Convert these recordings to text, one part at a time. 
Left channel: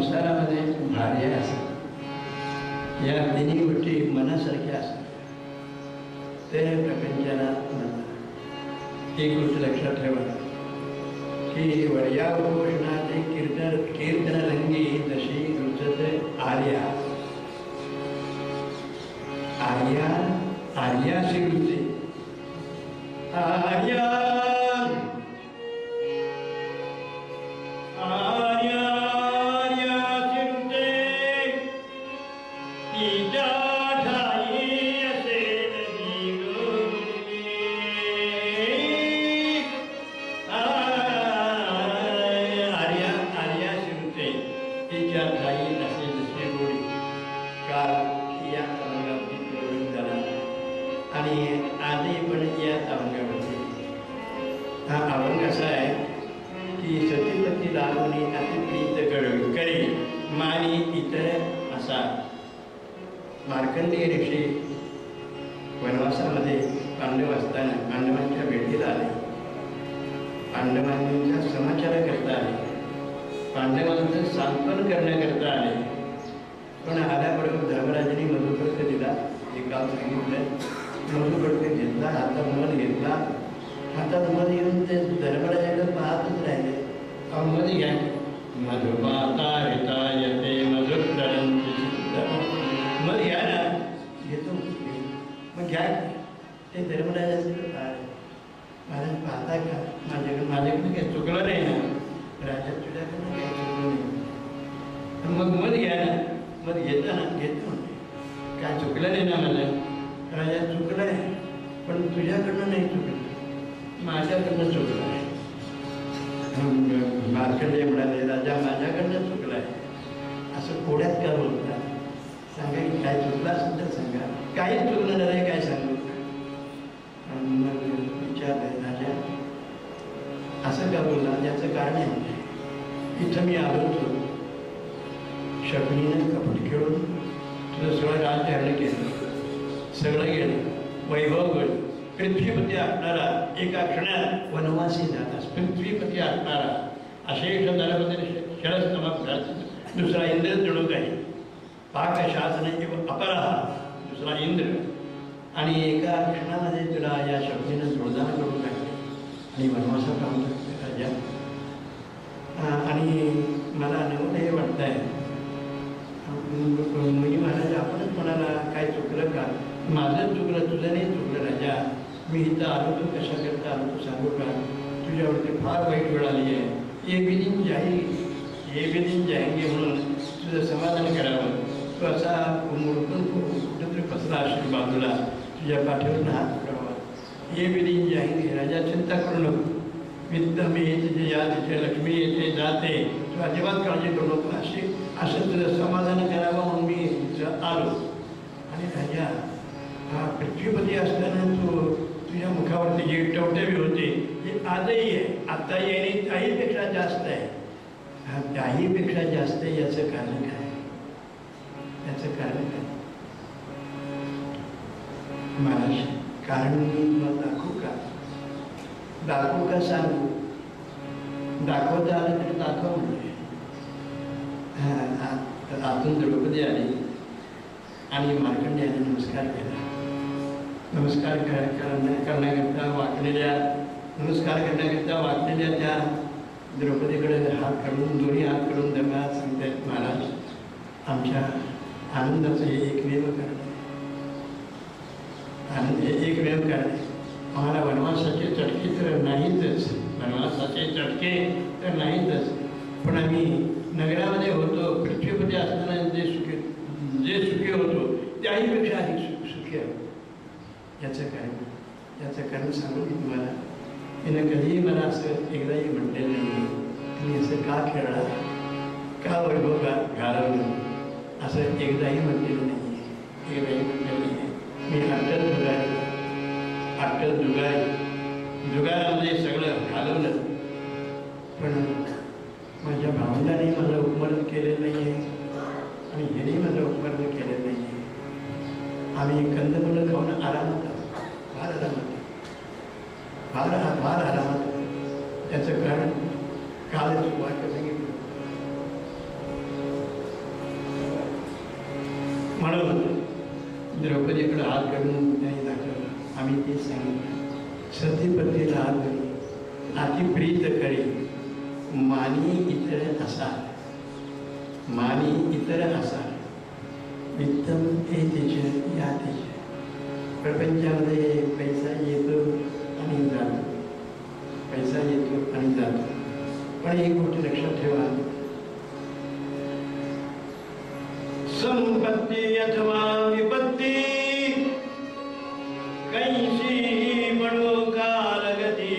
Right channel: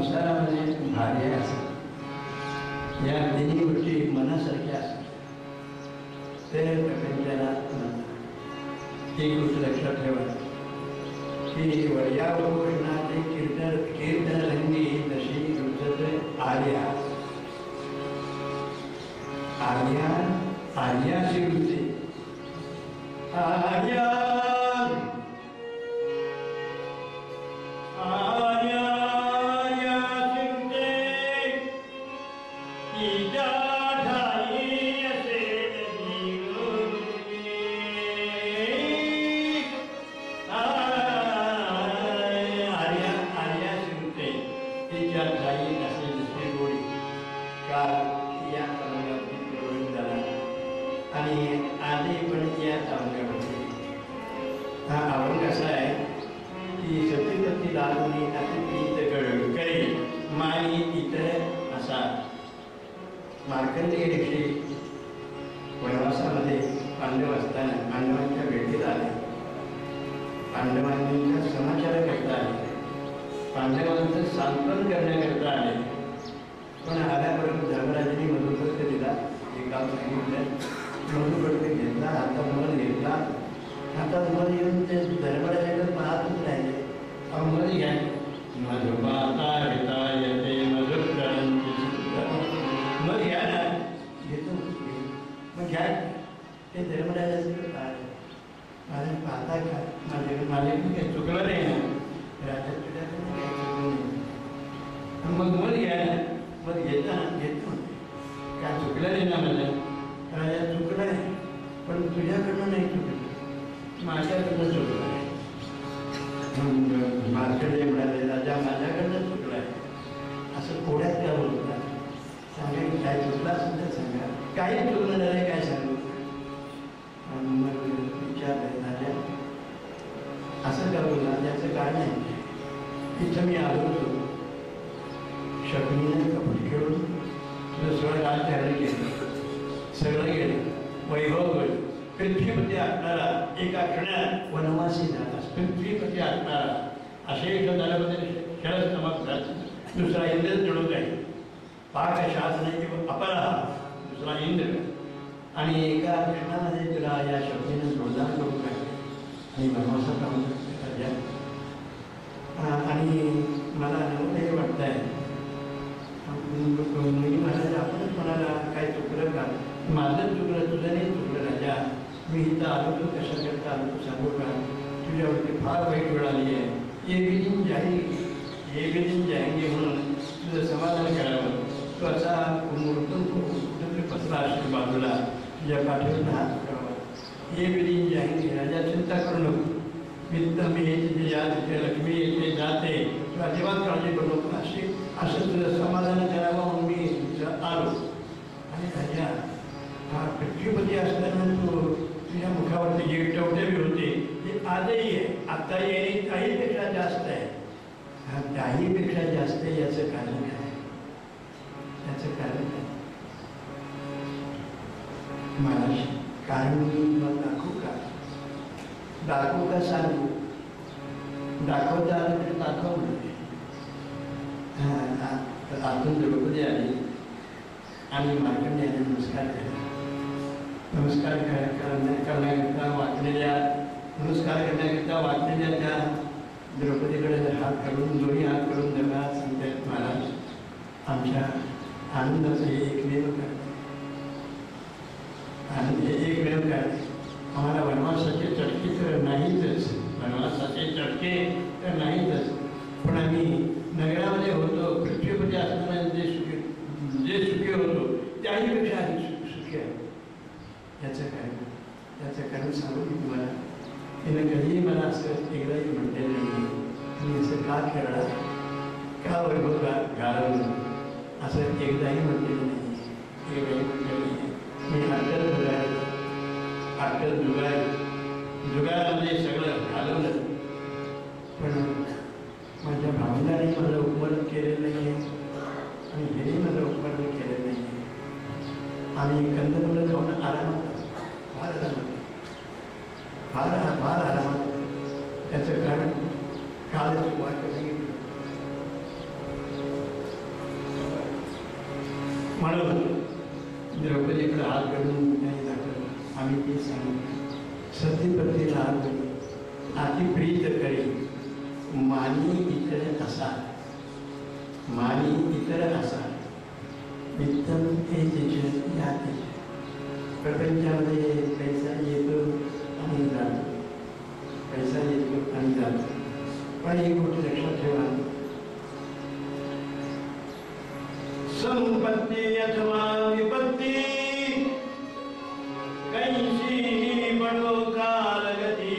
संसारामध्ये भार्या असतात, या तिन्ही गोष्टी मनासारख्या असतात ते प्रपंचाला म्हणतात. एक गोष्ट लक्षात ठेवा की वर्यावपोषणाचे कीर्तनरंगी जशी रुचत आर्या आर्या आर्याशी रुचे आर्या मार्कंडेय ऋषी वनवासामध्ये पांडव असताना पांडवांच्या भेटीला आले, पांडवांच्या समाचाराकरता आले, पांडवांचं सांत्वन करण्याकरता आले. पण आल्याबरोबर धर्मराजांनी मधुपर्क दिला, एक गाव सांगितलं, मधुपर्क घेतला, हातात मध घेतला, हातात मध येऊन ते धर्मराजाकडे पाहतच राहिले. मध घ्या, मधुमाता हिता येते मधुकरणची मग घ्या ना, घेतो मग घ्या. ते धर्मराजांकडे पाहिले, महाराज पाहता का माझ्याकडे काही चुकलं नाही ना, राजा तुझ्याकडून काही चुकलं नाही. मग मध घ्या ना, मग घेता ना, घेतो काय चुकलं नाही ना मला. राजा चुकलं आहे पण तुझ्याकडनं नाही चुकलं, माझ्याकडनं चुकलं आहे. मार्कंडेय म्हणाले, राजा माझ्याकडनं चुकलं आहे असं कोड्यात का बोलतात, सांगा की काय चुकलं असेल तर सांगा, काही चुकलं नाही काय सांगू. मग विचारलं, राजा असं का बोलला, याचं कारण आहे. इथं मी आलो होतो, शकुनीने कपट खेळून तुझं सगळं राजकारण केलं, सगळं गेलं, वैभव गेलं. पृथ्वीपती असणारा एका क्षणात वनवासी झाला, पृथ्वीपती असणारा अशेष झाल्यामध्ये शरस्तमक झाला. दुसरा इंद्र जणू काही पाकशासन किंवा अपरा, दुसरा इंद्र. आणि एका क्षणामध्ये तुला या शक्तीनं जोडदार करून टाकले आणि वनवासात राहून राजा. आणि मला नवं हे वाटत आहे, महाराज आपणच म्हणाला काय चुकलं का, माझं चुकलं, तुझं नाही चुकलं राजा. मी इथं आलो तो कशा करता आलो तू सांगू का, तुझ्यावरती फार वाईट वेळ आली आहे. ये बिदिन जाएंगे म्हणून तुझं समाधान करावं. तो असा मुरतून कुठंतरी पसरा असेल बाजूला, तुझ्या पाठीवरून हात पडावा. ये बिदिन जाएंगे, राजा चिंता करू नको, वित्त मी तिथे या तिथे लक्ष्मी येते जाते, तू अजिबात काळजी करू नको. असं तुझं समाधान करावं म्हणून मी आलो. आणि राजा हा पृथ्वीपती असताना तू तुझ्या मुखावरती जे टवटवी होते ते आजही आहे, आताही आहे, त्याहीपेक्षा जास्त आहे. हा त्याहीपेक्षा जास्त आहे, याचं कारण काय, याचं कारण काय महाराज? कारण मी मग दाखवू का सांगू? दाखवता आलं तरी दाखव म्हणजे. आतून द्रौपदी आली आणि मार्कंडेयाने नमस्कार केला. नमस्कार करण्याकरता वाकलेल्या, नमस्कार करण्याकरता वाकलेल्या त्या द्रौपदीकडे हात काढून, दोन्ही हात काढून धन्यवाद सांगतात, महाराज आमच्या आनंदाचं हे एकमेव कारण, आनंद हे एकमेव कारण. आम्हाला वनवासाचे चटके तर नाहीतच, वनवासाचे चटके तर नाहीतच, पण आम्ही नगरामध्ये होतो, पृथ्वीपती असताना जे सुखी होतो त्याहीपेक्षा अधिक सुखी आहे. याचं कारण सांगू की तुम्हाला, तिनं कधीही मला असं एकदाही म्हटलेलं नाही तुम्ही असं का खेळला, का वैभव घालवलं, असं एकदाही म्हटलेलं नाही, एकदाही म्हटलेलं नाही. मी जुगारामध्ये सगळं घालवलं, पण माझ्या भावनाने मला उपमरण केलेलं नाही आहे आणि हेही मला उपमरण केलेलं नाही आहे. आम्ही कंदमुलं खाऊन आरामात, फार आरामात, फार आरामात. त्याचं कारण कालच वाटत सांगितलं, म्हणत होतो. द्रौपदीकडे हात घालून त्यांनी दाखवलं. आम्ही ते सांगितलं. सतीपतीला हात घालून अति प्रीत करी मानी इतर असा, मानी इतर असा वित्तम हे तेज या तेज. प्रपंचामध्ये पैसा येतो आणि जातो, पैसा येतो आणि जातो. पण एक गोष्ट लक्षात ठेवा, संपत्ती अथवा विपत्ती कैसी बडो कालगती,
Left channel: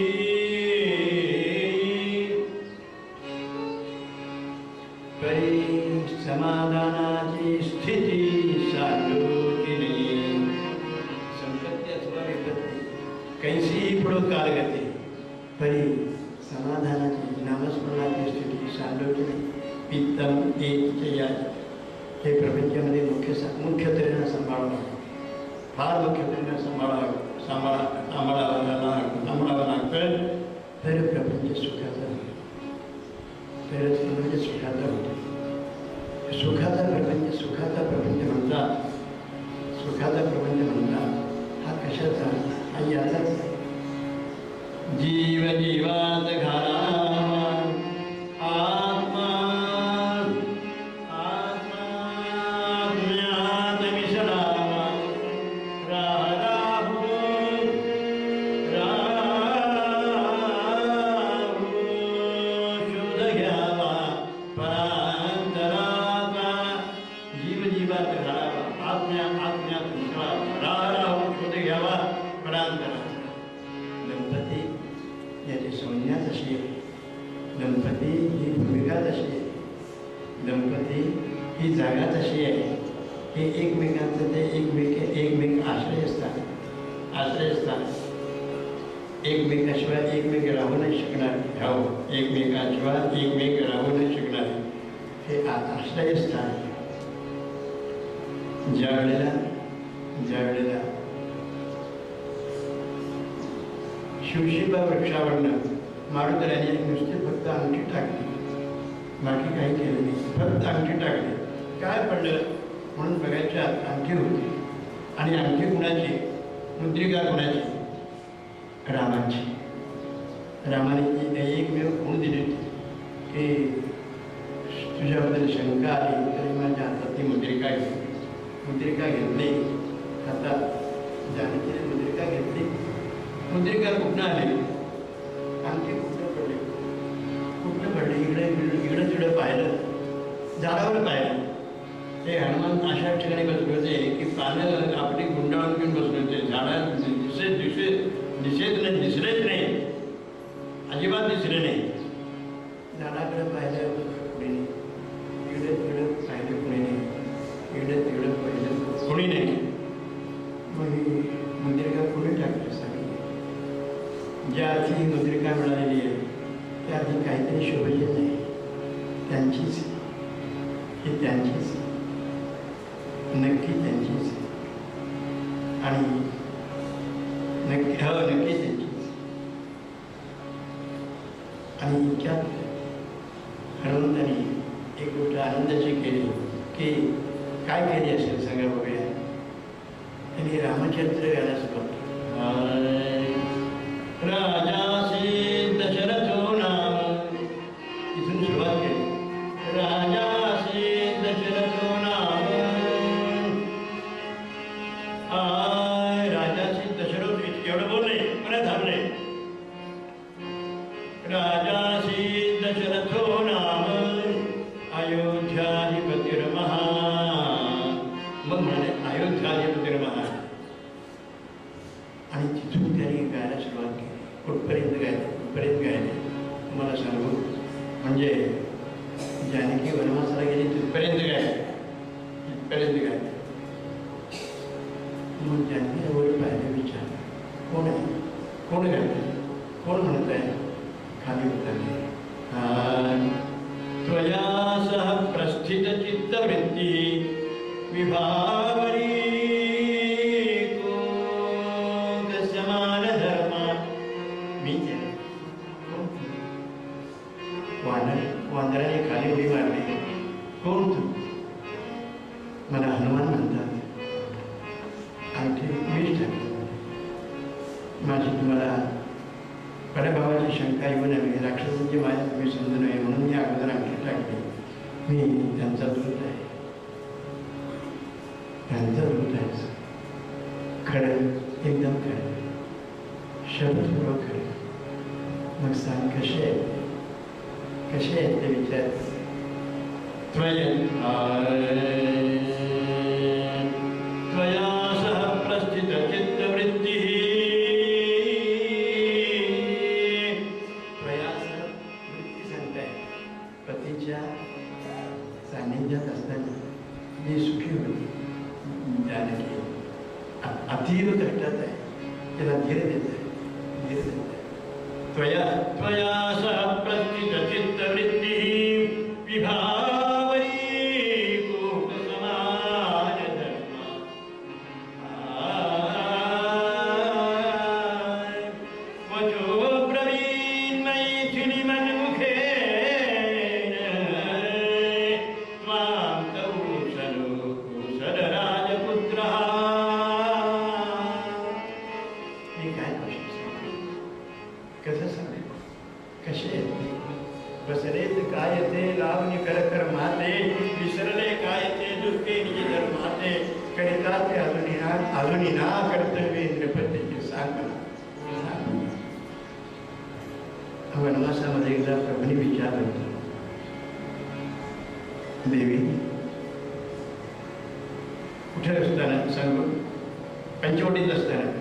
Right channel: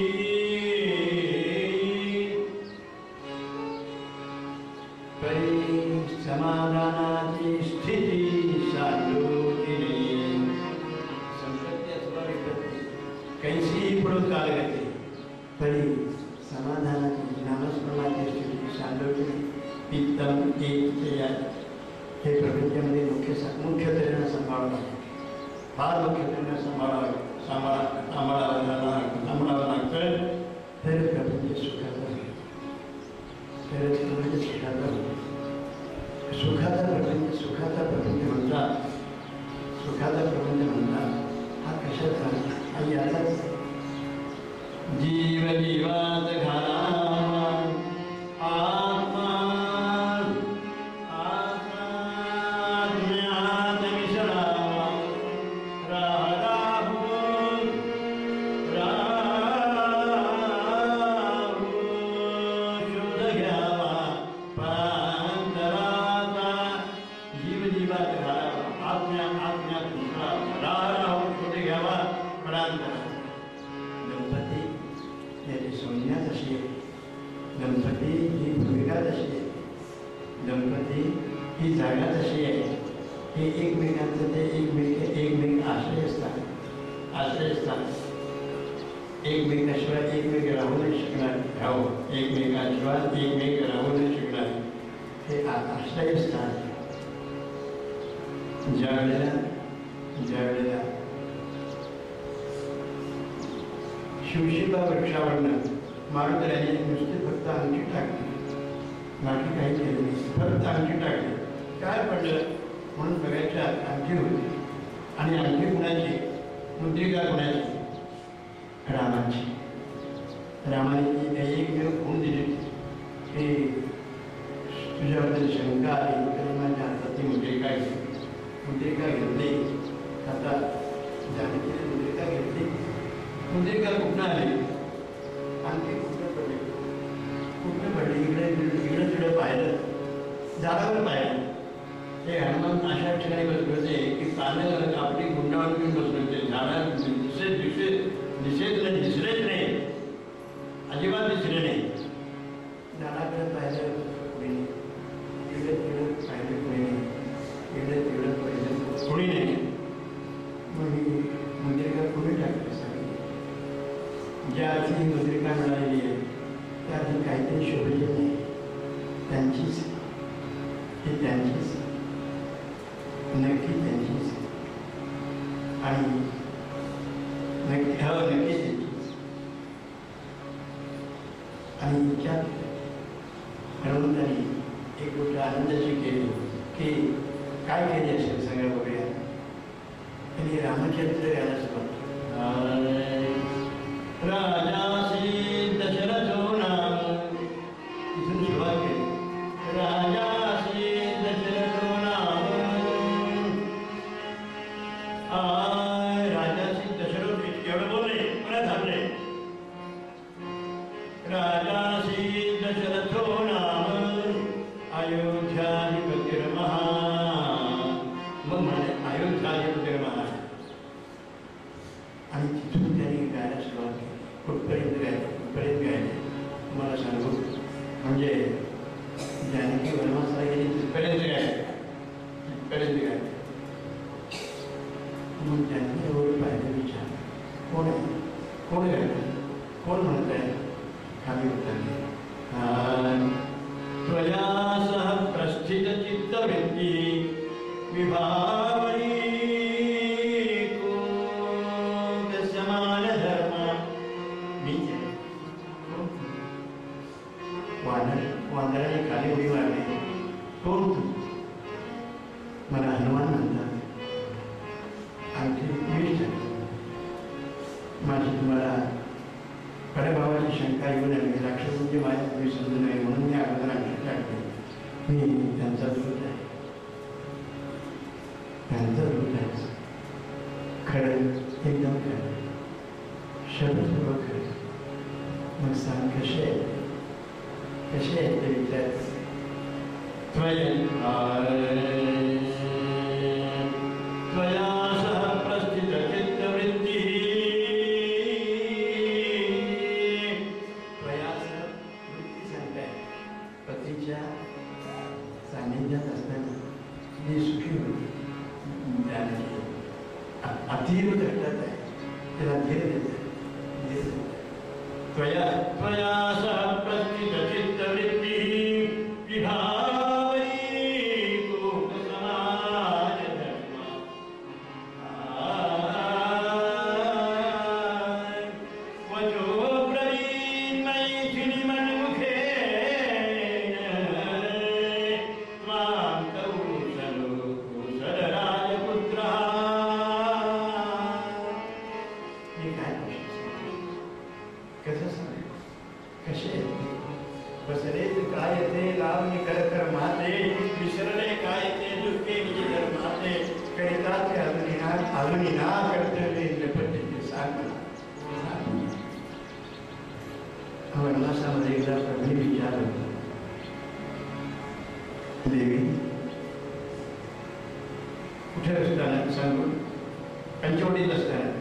परी समाधानाची स्थिती साधूची नाही. संपत्ती अथवा विपत्ती कैसी बडो कालगती, परी समाधानाची नामस्मरणाची स्थिती साधूची नाही. पित्तम एक हे प्रपंचामध्ये मुख्य तऱ्हेनं सांभाळावं लागतं. फार मुख्य तऱ्हेनं सांभाळावं लागतं. तर प्रपंच सुखाचा होईल, तरच प्रपंच सुखाचा होतो. सुखाचा प्रपंच म्हणतात, सुखाचा प्रपंच म्हणतात. हा कशाचा? हा याचाच. जीव जीवात घाला दंपती ही भूमिका तशी आहे. दंपती ही जागा तशी आहे. हे एकमेकांचं ते एकमेक आश्रयस्थान. एकमेकाशिवाय एकमेक राहू नाही शकणार. एकमेकाशिवाय एकमेक राहू नाही शकणार. हे आश्रयस्थान. ज्या वेळेला शिवशिबा वृक्षावरनं मारुतराजांनी नुसते फक्त अंगठी टाकली, बाकी काही केलं नाही. फक्त अंगठी टाकली. काय पडलं म्हणून बघायच्या अंगठी होती. आणि अंगठी कुणाची? मुद्रिका कुणाची? रामाची. रामाने ती एकमेव खूण दिली की तुझ्याबद्दल शंका आली तरी माझ्या हातात ती मुद्रिका घेतली. आता जानकीने मुद्रिका घेतली. मुद्रिका कुठनं आली? आणखी कुठनं पडली? इकडे तिकडे पाहिलं, झाडावर पाहिलं. ते हनुमान अशा ठिकाणी बसले होते की पानं आपली गुंडाळून घेऊन बसले होते. झाडात दिसलेच नाही, अजिबात दिसले नाही. झाडाकडे पाहिलं कुणी नाही, इकडे तिकडे पाहिलं कुणी नाही, इकडे तिकडे पाहिलं कुणी नाही. मग ही मुद्रिका कुणी टाकली सांगितलं. ज्या अर्थी ही मुद्रिका मिळालेली आहे त्या अर्थी काहीतरी शोभेचे नाही. त्यांचीच, ही त्यांचीच, नक्की त्यांचीच. आणि नक्की त्यांचीच. आणि इतक्यात हनुमंतांनी एक गोष्ट आनंदाची केली की काय केली असेल सगळं बघूया. त्यांनी रामचरित्र गायला सुरुवात केली. राजासी दशरथो नाम, इथून सुरुवात केली. राजासी दशरथो नाम, राजासी दशरथ एवढं बोलले परत थांबले. राजासी दशरथो नाम अयोध्याधिपतिर्महा. मग म्हणाले अयोध्याधिपतिर्महा. आणि तिथून त्यांनी गायला सुरुवात केली. कुठपर्यंत गायले तुम्हाला सांगू. म्हणजे जानकी वनवासाला गेली तिथपर्यंत गायले. मग जानकी एवढे पाहिजे विचार कोण आहे, कोण गायलं, कोण म्हणत आहे. खाली उतरले. त्वया सह प्रस्थित चित्तवृत्ती विभावरी समान धर्म. मी वानराने खाली उडी मारली. कोण तू? मला हनुमान म्हणतात. माझी तुम्हाला पराभवाची शंका येऊ नये, राक्षसांची माया तुम्ही समजू नये म्हणून मी अगोदर आमची टाकली. मी त्यांचा दूत आहे, त्यांचा दूत आहे. खरं, एकदम खरं, शब्दपूर्वक खरं. मग सांग कसे आहेत ते विचार. त्वया सह प्रस्थित चित्तवृत्ती, त्वया सह वृत्ती सांगताय. पतीच्या सान्निध्यात असताना जी सुखी होती जानकी, अतीव कष्टात आहे, त्याला धीर देत आहे. त्वया सह प्रस्थित चित्तवृत्ती विभावरी कोपसमाज धर्म, वचो ब्रवीन् मैथिली मन्मुखेन, त्वां कौशलो कुशलराजपुत्रः. हे काय कसं सांगेल, कसे बसरेत काय ते लावणी कर माते, विसरले काय ते दुःखे निज धर्माते, करिता ते अजूनी ना कर्तव्य नृपतीचे सांग. वनवासामध्ये एकदा प्रभूने विचारलं, देवी कुठे असताना सांगू, पंचवटीत असताना.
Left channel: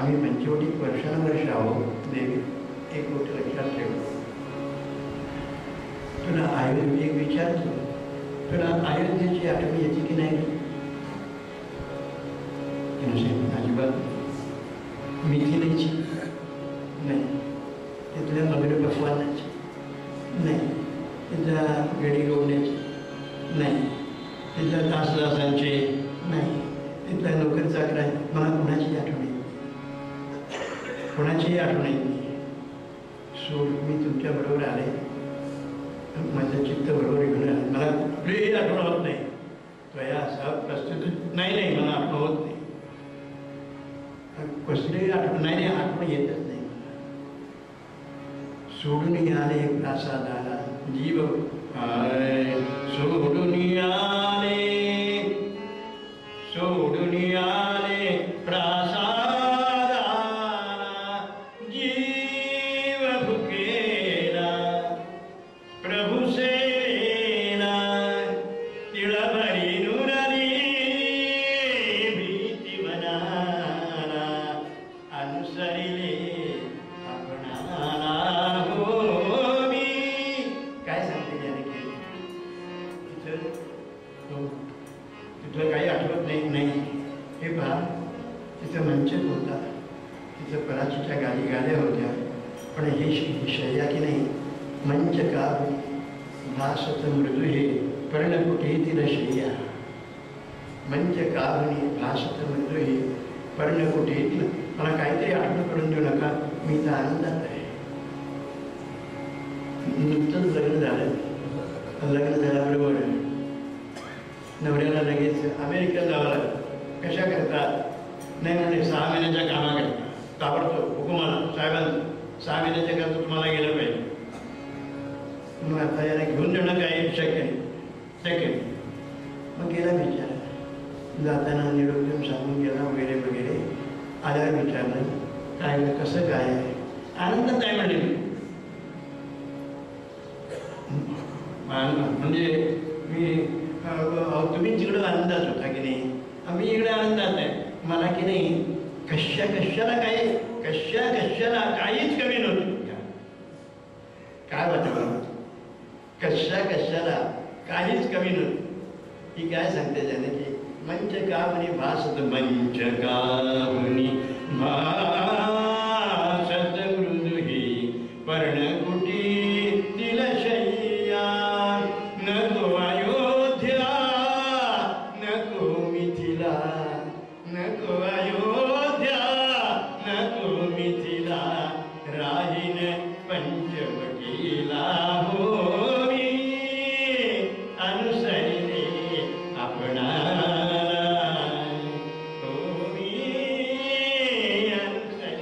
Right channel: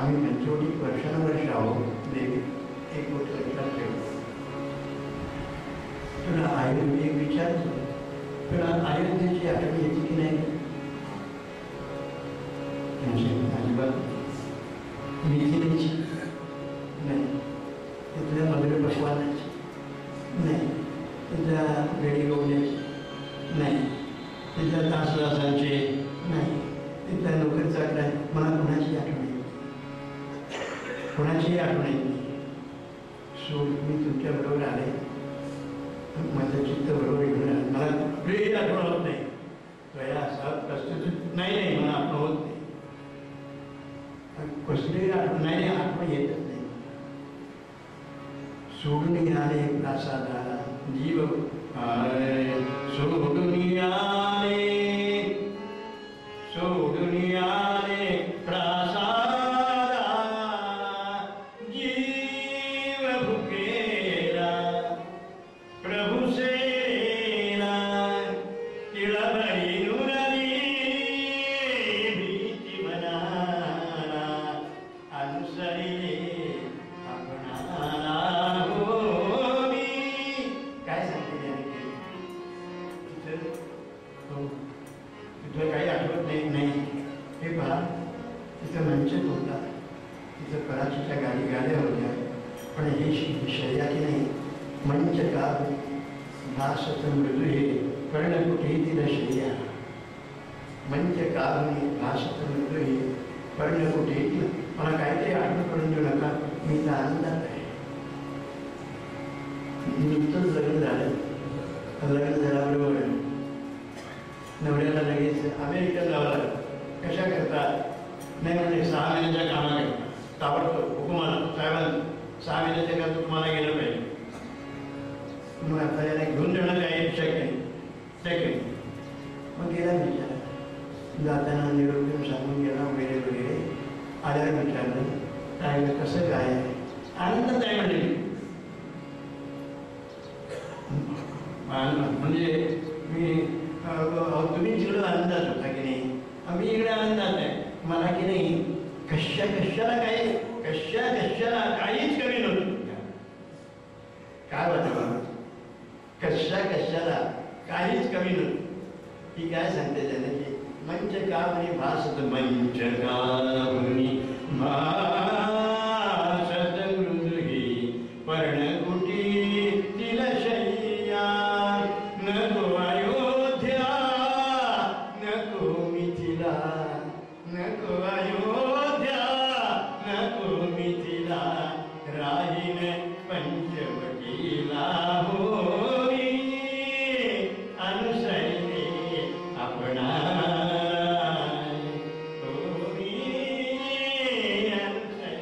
आम्ही पंचवटीत वर्षानुवर्ष आहोत देवी, एक गोष्ट लक्षात ठेव. तुला एक विचारतो, तुला अयोध्येची आठवण येते की नाही? अजिबात. मिथिलेची नाही, तिथल्या मगर भगवानाची नाही, तिथल्या वेडी गवण्याची नाही, तिथल्या तासदासांचे नाही, तिथल्या नोकर चाकरा. मला कोणाची आठवण येते? कोणाचीही आठवण येत नाही. सोड, मी तुमच्याबरोबर आले, माझं चित्त बरोबर घेऊन आलं, मला कुठलीही आठवण होत नाही. त्वया असा प्रस्तुत नाही, मला आठवण होत नाही. कसलीही आठवण नाही, आठवण येतच नाही. सोडून आले प्रासादाला जीव, सोडून आले प्रासादा, जीव भुकेला प्रभु सेना, तिळभरी नुरली भीती मनाला, अनुसरिले आपणाला हो मी. काय सांगते जानकी? तिथं काही आठवत नाही. हे पहा, तिथं मंचक होता, तिथं पराचीच्या गाड्या होत्या, पण हे शर्यती नाही. मंचका भासत मृदू हे पर्णकुटीतील शय्या, मंचकावनी भासत मृदू हे पर्णकुटीतील. मला काहीतरी आठवण करून देऊ नका, मी तर आनंदात आहे. नुकतंच लग्न झाल्याबरोबर नवऱ्याला लगेच अमेरिकेत जावं लागतं. कशा करतात? नाही म्हणजे 6 महिन्याच्या कामाकरता ताबडतोब हुकुमाला साहेबांना 6 महिन्याच्या करता तुम्हाला गेलं पाहिजे. मग आता याला घेऊन जाणं काही शक्य नाही. मग गेला विचार, जाताना निरोप देऊन सांगून गेला वगैरे. आल्यावर विचारलं, काय कसं काय आहे? आनंदात आहे म्हणजे. म्हणजे मी तुम्ही तिकडं आनंदात होता की नाही, आम्ही इकडे आनंदात आहे. मला की नाही कशाला काहीच कमी नव्हतं. काय वाटलं? कशाला काहीच कमी नव्हतं. ही काय सांगते जानकी? मंचकावनी भासत, मंचकावनी भासत मृदु ही पर्णकुटीतील शय्या, नको अयोध्या नको मिथिला, नको अयोध्या नको मिथिला, राहीन पंचवटीला हो मी, अनुसरिले आपणा हो मी, अनुसरिले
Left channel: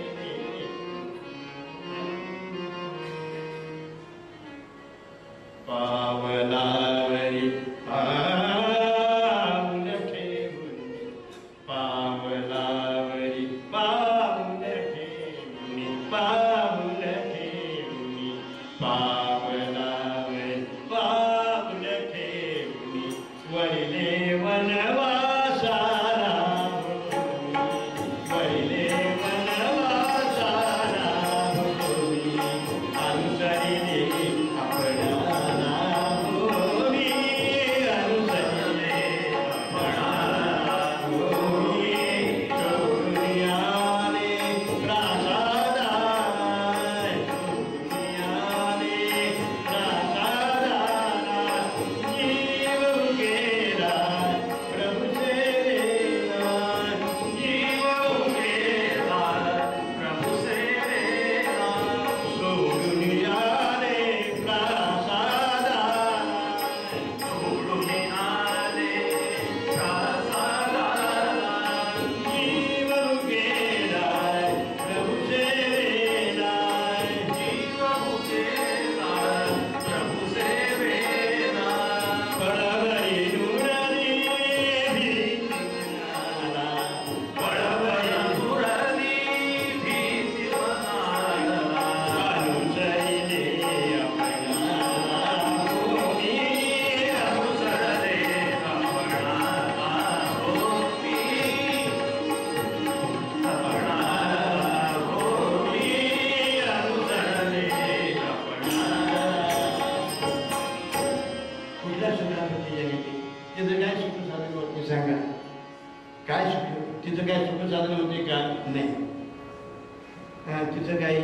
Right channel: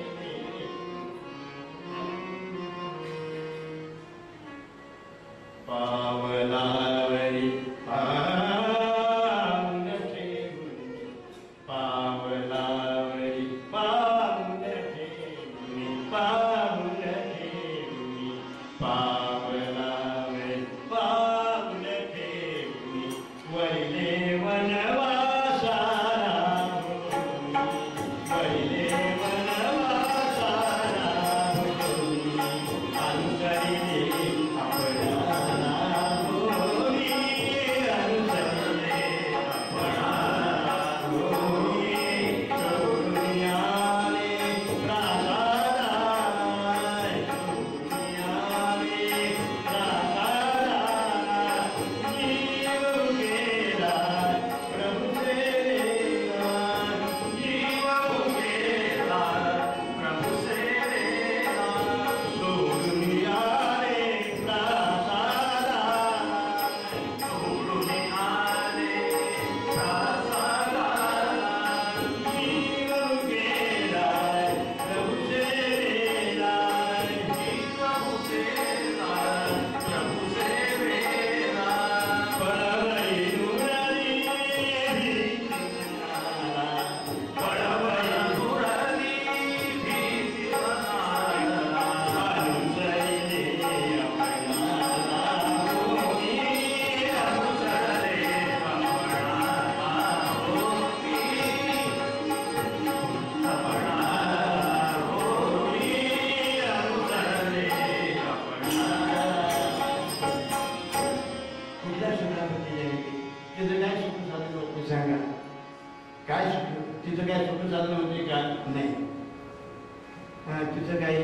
तिचं काही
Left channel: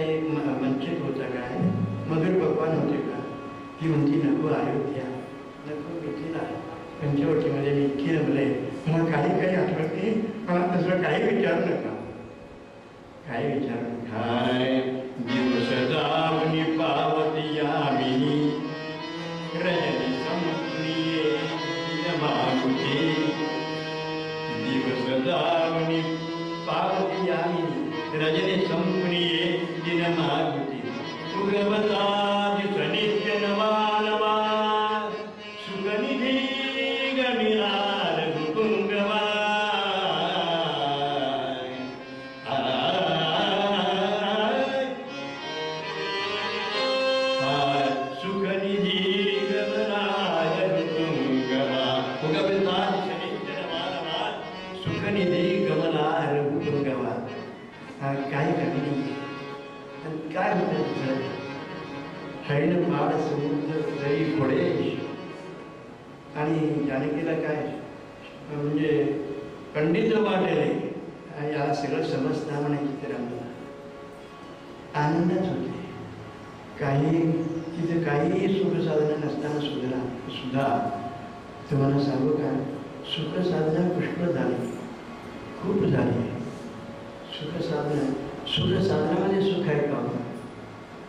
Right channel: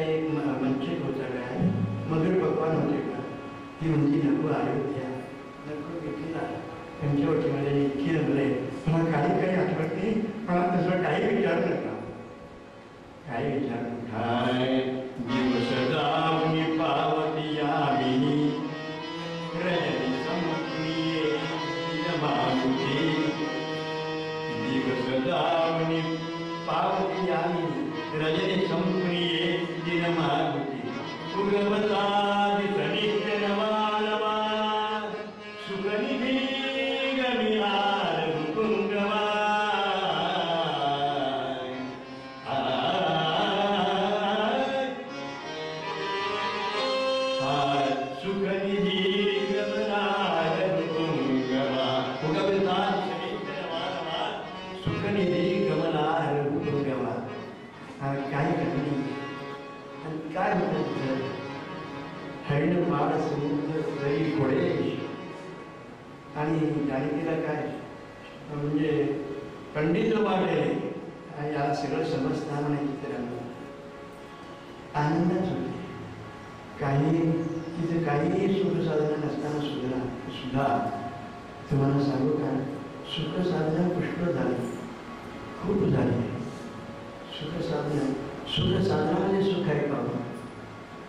वंचित होतं काय, मधुर भगवान होते का? ती म्हणती नको अयोध्या, नको मिथिला, पंचवटीमध्ये इतकी नबळे, मला काही आठवते, मला तसं काही विचारू नका, काही विचारू काय. दिवस जाऊनी पावती यामिनी, रजनी संप्रिये मागुती. दिवस जाऊनी पावती यामिनी, रजनी संप्रिये दिन मागुती. सुगमता दिसनित्य नवा नवा, सुखनिधी गमिलार कुंगवा. सुखनिधी गमलार कुंगवा, सुगमता दिसनित्य नवा नवा, सुखनिधी गमलार कुंगवा. काय घडली आणि काय होतं तिथं? हैन पाड समुद्र तरी घोडे, आणि जानकीला काय म्हणजे पंडित वाटेल याला सगळं समजता म्हणे चित्रांना. आनंदच होते. काही तिथे काहीही सुखसाधना नसताना सुद्धा तुम्हाला सांगू का, सुखसाधना पुष्कळ झाली, खूप झाली. सुखसाधनामध्ये सुख आहे का?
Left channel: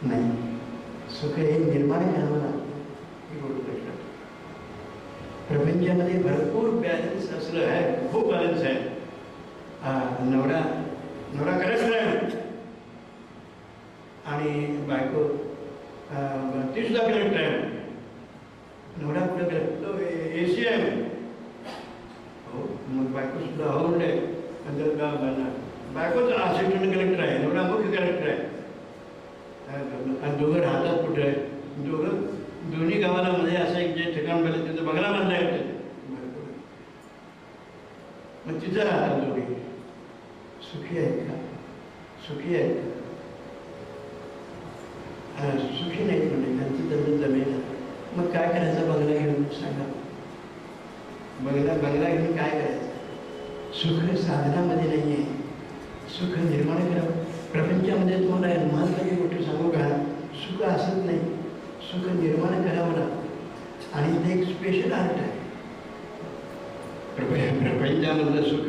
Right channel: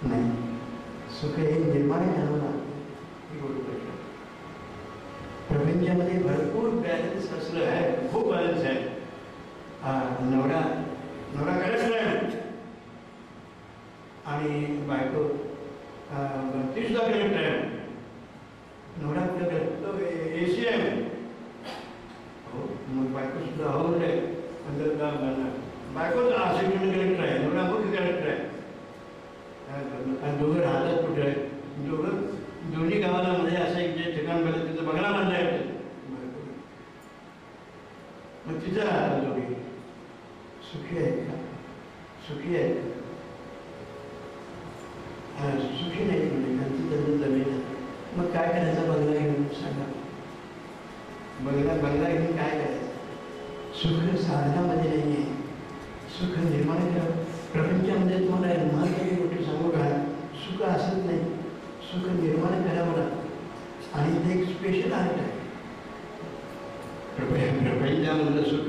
नाही. सुख हे निर्माण करावं लागतं. प्रपंचामध्ये भरपूर बॅलन्स असलं आहे, खूप बॅलन्स आहे. नवरा करत नाही आणि बायको ती सुद्धा करत आहे. नवरा कुठं करतो? AC आहे. हो, मग बायको सुद्धा हो म्हणते. बायकोच असिस्टंट कलेक्टर आहे, नवरा मुख्य कलेक्टर आहे. आणि दोघं राहतात कुठे आहे? दोन्ही गावाला मध्ये असं एक जे ठिकाण पाहिजे तिथं बंगला बांधला आहे. मग तिथं राहतात दोघे. सुखी आहेत का? सुखी आहेत का? सुखी नाही म्हणजे त्यांचं जमेल. मग काय करायचं बंगला घेऊन? सांगा. बंगला घेऊन काय करायचं? सुख साधनामध्ये नाही आहे, सुख निर्माण करावं. प्रपंचामध्ये तुम्हाला महत्त्वाची गोष्ट सांगू का? सुख असत नाही, सुख निर्माण करावं लागतं. आणि ते एक स्पेशल आर्ट आहे. प्रपंचामधलं सुख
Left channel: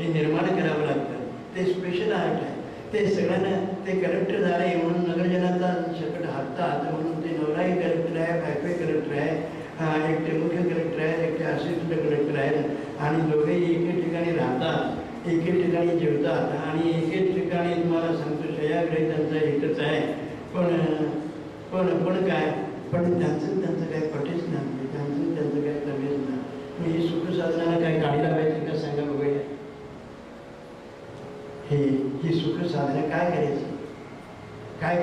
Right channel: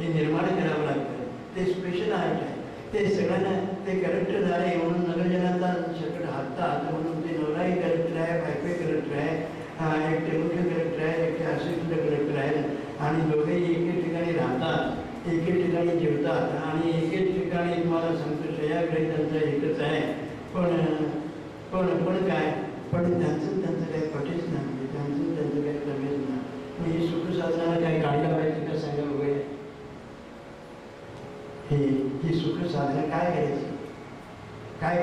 हे निर्माण करावं लागतं. ते स्पेशल आर्ट आहे. ते सगळ्यांना ते कलेक्टर झाले म्हणून नगरजनांचा सकट हातात म्हणून ते नवराही कलेक्टर आहे, बायकोही कलेक्टर आहे, एकटे मुख्य कलेक्टर आहे, एकटे असिस्टंट कलेक्टर आहेत, आणि दोघेही एके ठिकाणी राहतात, एके ठिकाणी जेवतात, आणि एके ठिकाणी तुम्हाला सांगतो शयाग्रही त्यांचं एकच आहे. पण काय, पण त्यांचं काय पटेच नाही, त्यांचं काय कमीच नाही. ही सुख साधनाला काय गाडी लावायची का? सांगा बघूया. ही सुख साधना काय करायची? काय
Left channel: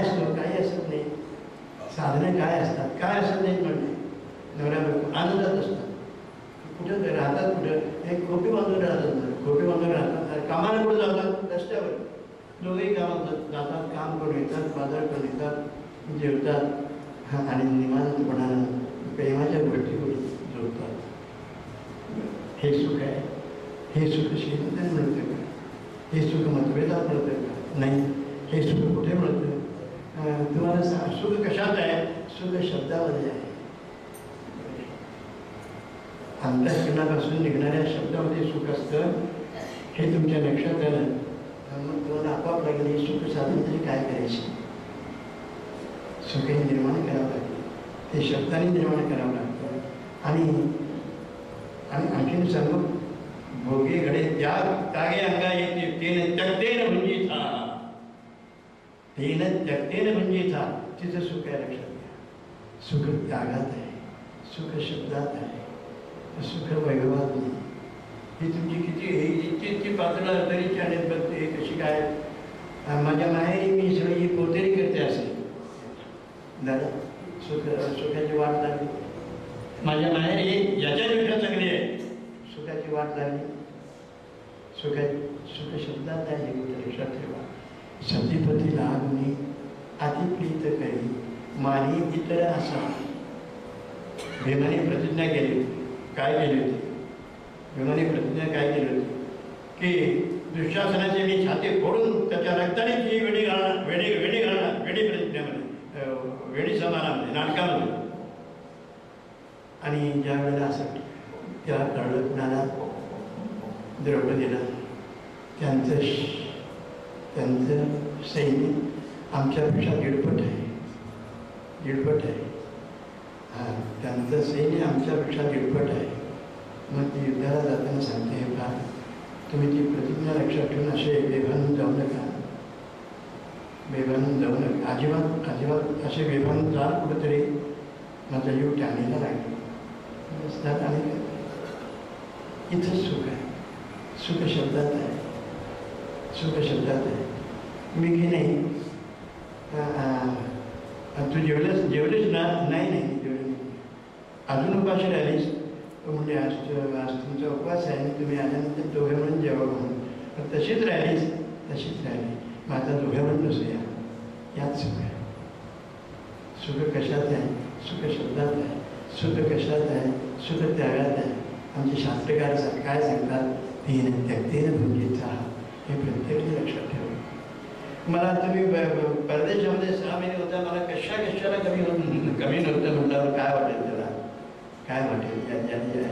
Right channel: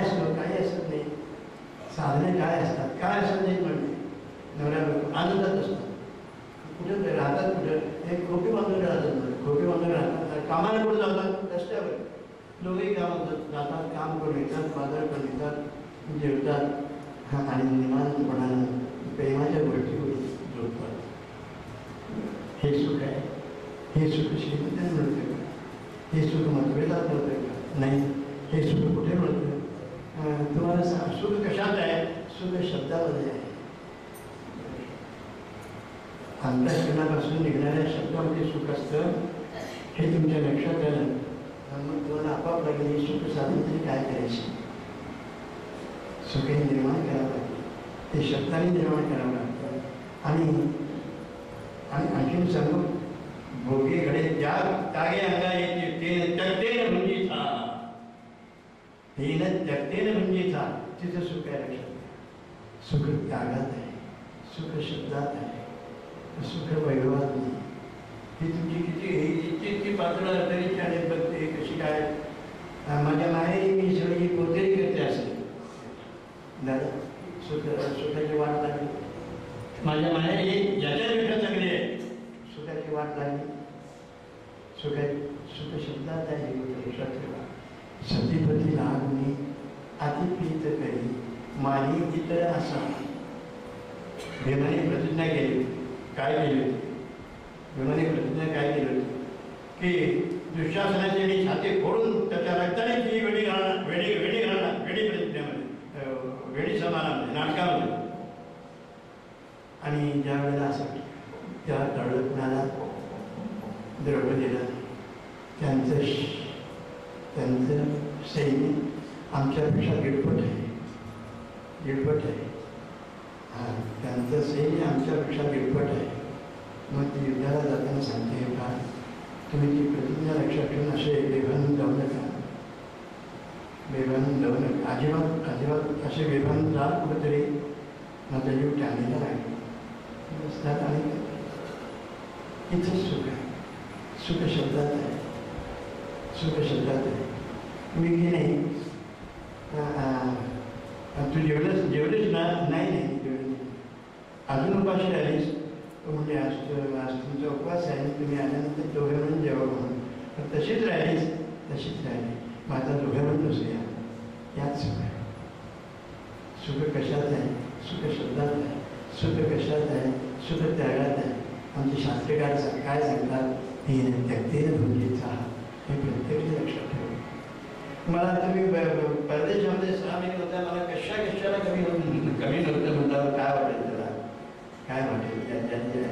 असतं? काही असत नाही. साधने काय असतात? काय असत नाही म्हणजे नवऱ्या आनंदात असतात. कुठं राहतात? कुठं? एक खोपी बांधून राहतात. खोपी बांधून राहतात. कामाला कुठं जातात? रस्त्यावर. दोघेही कामात जातात, काम करून येतात, बाजार करून येतात, जेवतात, आणि निवांतपणानं प्रेमाच्या गोष्टी जोडतात. हे सुख आहे. हे सुख श्रीमंतांना मिळतं का? हे सुख मतभेदात मिळतं का? नाही. हे सुख कुठे मिळतं? तुम्हाला सुख कशात आहे? सुख शब्दामध्ये आहे. अंतःकरणापासून निघणाऱ्या शब्दामध्ये सुख असतं. हे तुमच्या लक्षात आलं. मग तुम्हाला आपोआप लागेल हे सुख साधन तरी काय करायचे? सुख हे निर्माण करावं लागतं. ते शब्दाने निर्माण करावं लागतं. आणि आणखीन सांगू, भोगे घडे त्यागे अंगा येते तेन त्यक्तेन भुंजी था. तेन त्यक्तेन भुंजी था. तिचं सुख आहे. लक्षात घ्या. सुख त्यागात आहे, सुख शब्दात आहे, सुख वैभवात नाही. ही तुमची किती पातळ तरीची आणि बघते कशी काय. माझ्या माहेरी मी सगळी पोतेरी करते असेल दादा, सुखाची वाट लागली. माझ्या माहेरी याच्यापेक्षा चांगली आहे. सुखाची वाट लागली. सुख शब्दात आहे. लक्षात ठेवा. सतीपती लागून अतिप्रीत करी मानी इतर असा. भीमाने प्रतिज्ञा केली. काय केली होती? भीमाने प्रतिज्ञा काय केली होती? की दुःशासनाचे मी छाती फोडून त्याच्या द्रौपदीला त्यांचं सैन्य आमच्यापेक्षा दीडपट आहे. हां, त्यांचं सैन्य आमच्यापेक्षा दीडपट आहे. मग ती युद्धाला जाताना सांगते का तुम्ही ती प्रतिज्ञा लक्षात ठेवून असे बेभान जाऊ नका, अजिबात असे बेभान जा कुठंतरी माझा जीव टांगलेला लागेल. आणि इथंच सुख आहे. सुख शब्दात आहे. मी की नाही तू जेवलेच ना? नाही जेवले. अजून उपाशी राहिलीस म्हणजे आज तुमचा उपवास आहे आणि तुम्ही आल्यानंतर दोघे म्हणून जेवा म्हणून. पण तशीच राहिली. मग आता दोघे म्हणून बसूया. यात सुख आहे. सुख कशात आहे? सुख शब्दात आहे. सुख कशात आहे? सुख त्यागात आहे. आमचे शास्त्रकार काय सांगतात? त्यक्तेन भुंजीचा. हे प्रत्येक लक्षात ठेवा. मला तुम्ही परदेशामध्ये 6 महिने होता, मला कशाला कमी नव्हतं म्हटल्यावर काय वाटेल त्याला? काय वाटेल?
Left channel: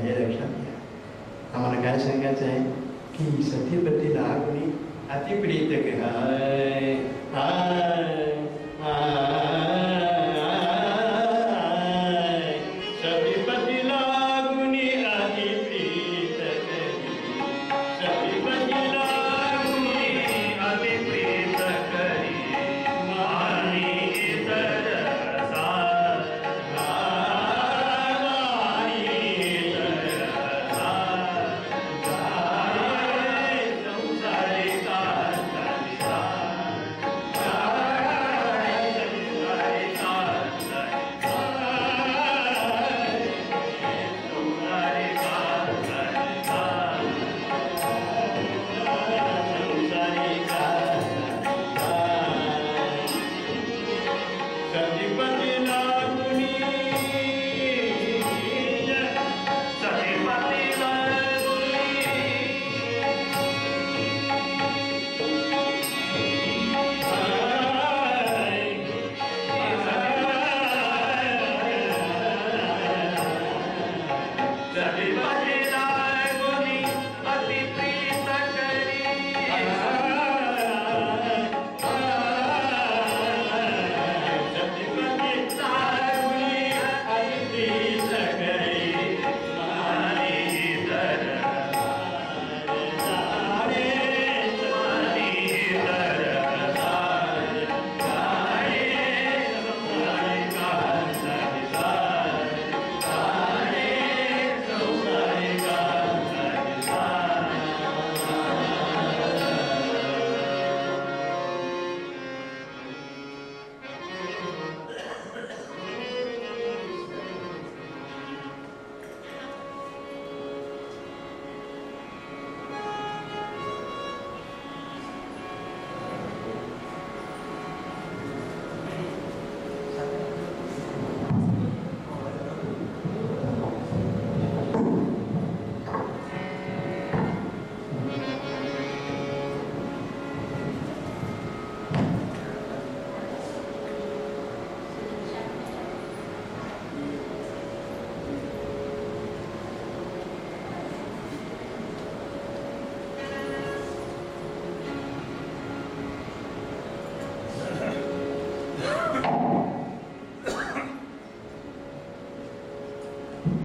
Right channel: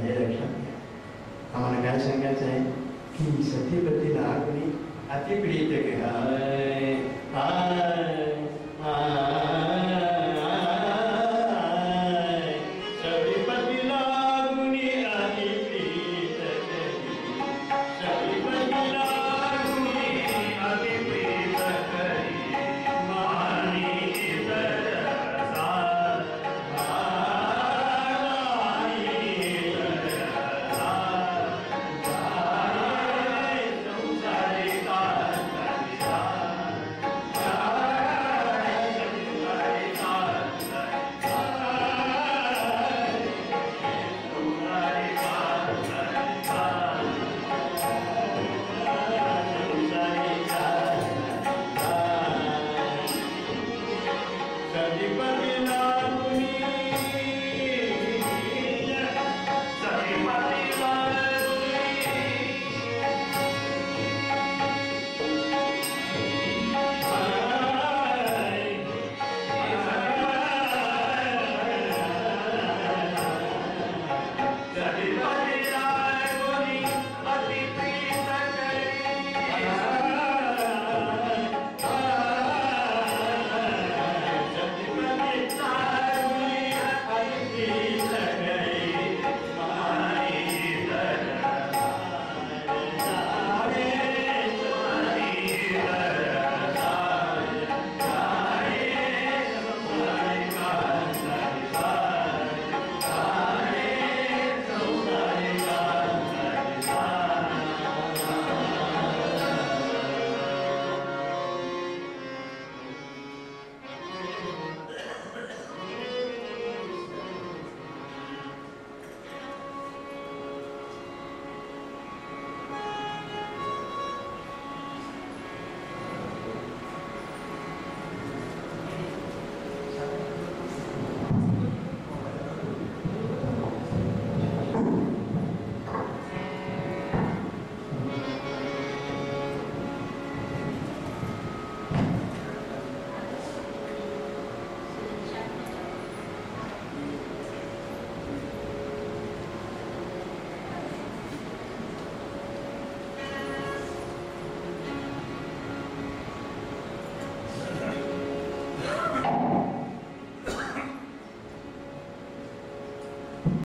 हे लक्षात घ्या. आम्हाला काय सांगायचं आहे की सतीपतीला कोणी अतिप्रिय